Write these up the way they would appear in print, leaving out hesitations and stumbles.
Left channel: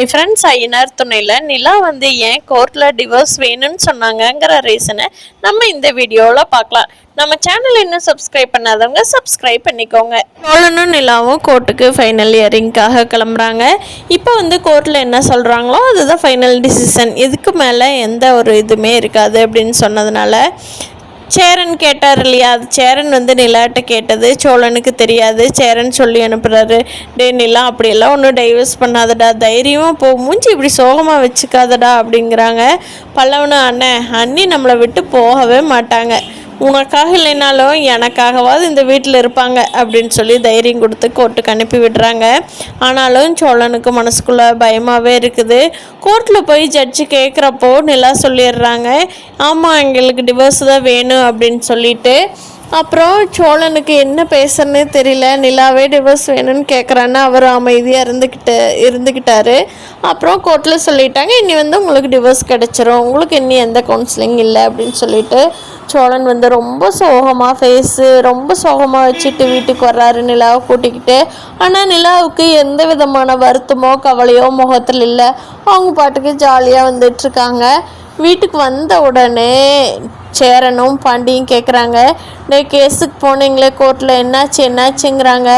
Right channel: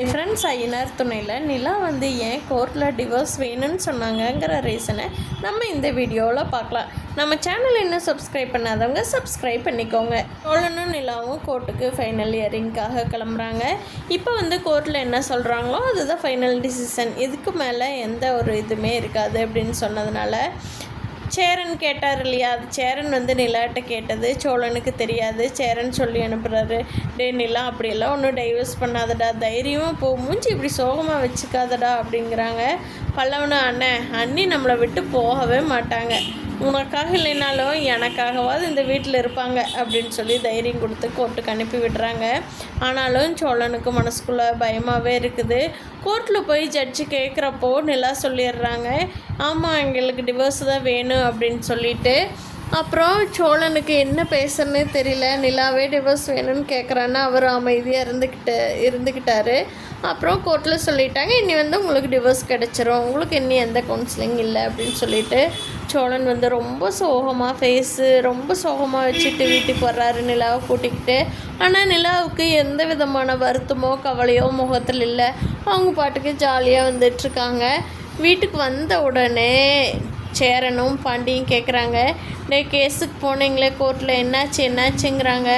My friends Ayyanar துணையில் நிலா வந்து ஏன் கோர்ட்டில் டிவோர்ஸ் வேணும்னு சொன்னாங்கங்கிற ரீசனை நம்ம இந்த வீடியோவில் பார்க்கலாம். நம்ம சேனல் இன்னும் சப்ஸ்கிரைப் பண்ணாதவங்க சப்ஸ்கிரைப் பண்ணிக்கோங்க. சோழனும் நிலாவும் கோர்ட்டுக்கு ஃபைனல் இயரிங்காக கிளம்புறாங்க. இப்போ வந்து கோர்ட்டில் என்ன சொல்கிறாங்களோ அதுதான் ஃபைனல் டிசிஷன். இதுக்கு மேலே எந்த ஒரு இதுவுமே இருக்காது அப்படின்னு சொன்னதுனால சேரன் கேட்டார் இல்லையா, அது சேரன் வந்து நிலாட்ட கேட்டது சோழனுக்கு தெரியாது. சேரன் சொல்லி அனுப்புகிறாரு, டே நிலா அப்படியெல்லாம் ஒன்றும் டைவர்ஸ் பண்ணாதடா, தைரியமாக போ, மூஞ்சி இப்படி சோகமாக வச்சுக்காதடா அப்படிங்கிறாங்க. பல்லவனும் அண்ணி நம்மளை விட்டு போகவே மாட்டாங்க, உனக்காக இல்லைனாலும் எனக்காகவாது இந்த வீட்டில் இருப்பாங்க அப்படின்னு சொல்லி தைரியம் கொடுத்து கோர்ட்டுக்கு அனுப்பி விடுறாங்க. ஆனாலும் சோழனுக்கு மனசுக்குள்ளே பயமாகவே இருக்குது. கோர்ட்டில் போய் ஜட்ஜு கேட்குறப்போ நிலா சொல்லிடுறாங்க, ஆமாம் எங்களுக்கு டிவோர்ஸ் தான் வேணும் அப்படின்னு சொல்லிட்டு. அப்புறம் சோழனுக்கு என்ன பேசுறதுன்னு தெரியல. நிலாவே டிவோர்ஸ் வேணும்னு கேட்குறான்னு அவர் அமைதியாக இருந்துக்கிட்டாரு. அப்புறம் கோர்ட்டில் சொல்லிட்டாங்க, இனி வந்து உங்களுக்கு டிவோர்ஸ் கிடச்சிரும், உங்களுக்கு இன்னி எந்த கவுன்சிலிங் இல்லை அப்படின்னு சொல்லிட்டு சோழன் வந்து ரொம்ப ரொம்ப சோகமாக வச்சுட்டு வீட்டுக்கு வர்றாரு நிலாவை கூட்டிக்கிட்டு. ஆனால் நிலாவுக்கு எந்த விதமான வருத்தமோ கவலையோ முகத்தில் இல்லை. அவங்க பாட்டுக்கு ஜாலியாக வந்துட்டுருக்காங்க. வீட்டுக்கு வந்த உடனே சேரனும் பாண்டியும் கேட்குறாங்க, கேஸுக்கு போனீங்களே கோர்ட்டில் என்னாச்சுங்கிறாங்க.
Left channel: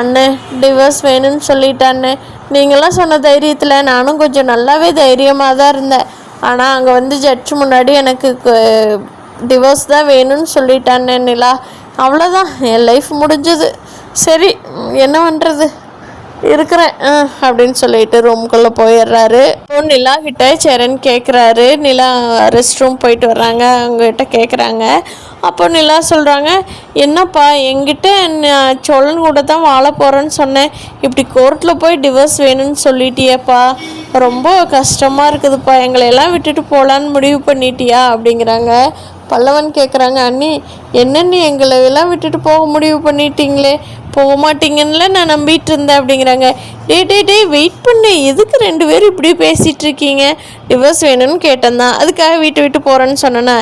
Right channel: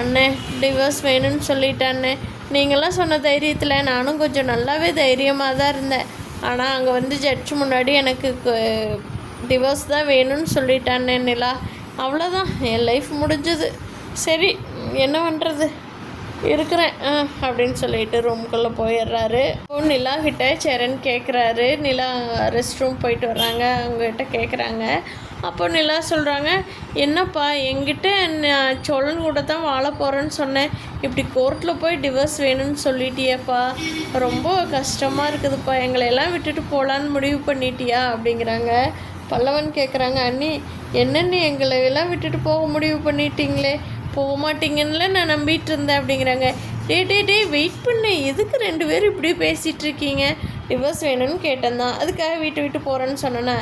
அண்ணன் டிவோர்ஸ் வேணும்னு சொல்லிட்டான்னு நீங்களாம் சொன்ன தைரியத்தில் நானும் கொஞ்சம் நல்லாவே தைரியமாக தான் இருந்தேன். ஆனால் அங்கே வந்து ஜட்ஜு முன்னாடி எனக்கு டிவோர்ஸ் தான் வேணும்னு சொல்லிட்டான்னு நிலா, அவ்வளோதான் என் லைஃப் முடிஞ்சது, சரி என்ன பண்ணுறது இருக்கிறேன் அப்படின்னு சொல்லிட்டு ரூம்குள்ளே போயிடுறாரு. நிலா கிட்ட சேரன் கேட்குறாரு, நிலா ரெஸ்ட் ரூம் போயிட்டு வர்றாங்க, அவங்ககிட்ட கேட்குறாங்க. அப்போ நிலா சொல்கிறாங்க, என்னப்பா என்கிட்ட சோழன் கூட தான் வாழ போகிறேன்னு சொன்னேன், இப்படி கோர்ட்டில் போய் டிவோர்ஸ் வேணும்னு சொல்லிட்டியேப்பா, ரொம்ப கஷ்டமாக இருக்குதுப்பா, எங்களையெல்லாம் விட்டுட்டு போகலான்னு முடிவு பண்ணிட்டியா அப்படிங்கிறாங்க. பல்லவன் கேட்குறாங்க, அண்ணி என்னென்னு எங்களையெல்லாம் விட்டுட்டு போக முடிவு பண்ணிட்டீங்களே, போக மாட்டீங்கன்னு நான் நம்பிட்டு இருந்தேன் அப்படிங்கிறாங்க. டே வெயிட் பண்ணு, எதுக்கு ரெண்டு பேரும் இப்படி பேசிகிட்டு இருக்கீங்க, டிவோர்ஸ் வேணும்னு கேட்டேன்தான், அதுக்காக விட்டு போகிறேன்னு சொன்னேன்னா,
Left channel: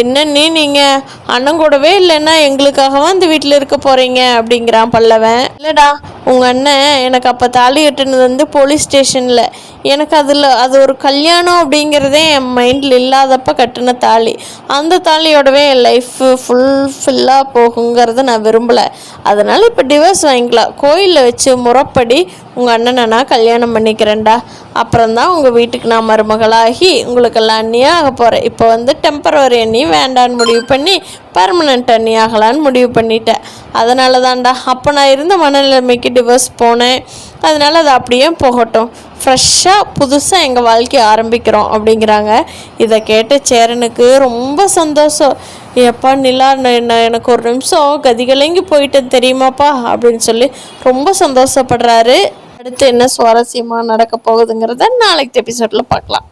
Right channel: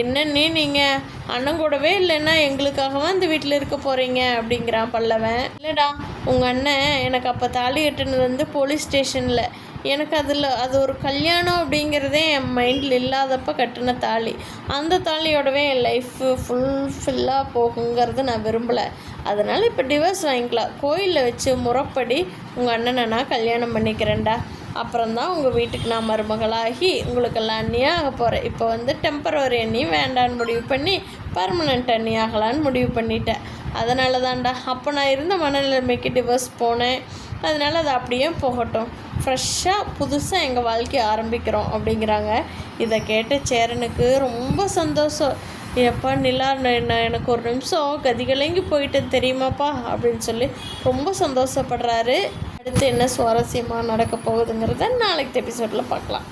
என்னன்னு நீங்கள் அண்ணன் கூடவே இல்லைன்னா எங்களுக்காகவா இந்த வீட்டில் இருக்க போகிறீங்க அப்படிங்கிறான் பல்லவன். இல்லைடா, உங்கள் அண்ணன் எனக்கு அப்போ தாலி கட்டுனது வந்து போலீஸ் ஸ்டேஷனில், எனக்கு அது ஒரு கல்யாணம் அப்படிங்கிறதே என் மைண்டில் இல்லாதப்போ கட்டின தாலி, அந்த தாலியோடவே என் லைஃப்பு ஃபுல்லாக போகுங்கிறத நான் விரும்பலை, அதனால் இப்போ டிவோர்ஸ் வாங்கிக்கலாம், கோயிலில் வச்சு முறைப்படி உங்கள் அண்ணனை நான் கல்யாணம் பண்ணிக்கிறேன்டா, அப்புறம்தான் உங்கள் வீட்டுக்கு நான் மருமகளாகி உங்களுக்கெல்லாம் அண்ணியாக ஆக போகிறேன், இப்போ வந்து டெம்பரவரி அண்ணி வேண்டான்னு முடிவு பண்ணி பர்மனெண்ட் அண்ணி ஆகலான்னு முடிவு பண்ணிட்டேன், அதனால தான்டா அப்போ நான் இருந்த மனநிலைமைக்கு டிவோர்ஸ் போனேன், அதனால் அது அப்படியே போகட்டும், ஃப்ரெஷ்ஷாக புதுசாக எங்கள் வாழ்க்கையை ஆரம்பிக்கிறோம் அப்படிங்கிறாங்க. இதை கேட்ட சேரனுக்கு ரொம்ப சந்தோஷம். எப்பா நிலா, எனக்கு ஒரு நிமிஷம் கதிகலங்கி போயிட்டேன் தெரியுமாப்பா அப்படின்னு சொல்லி ரொம்ப சந்தோஷப்படுறாரு. அடுத்து என்ன சுவாரஸ்யமாக நடக்க போகுதுங்கிறத நாளைக்கு எபிசோடில் பார்க்கலாம்.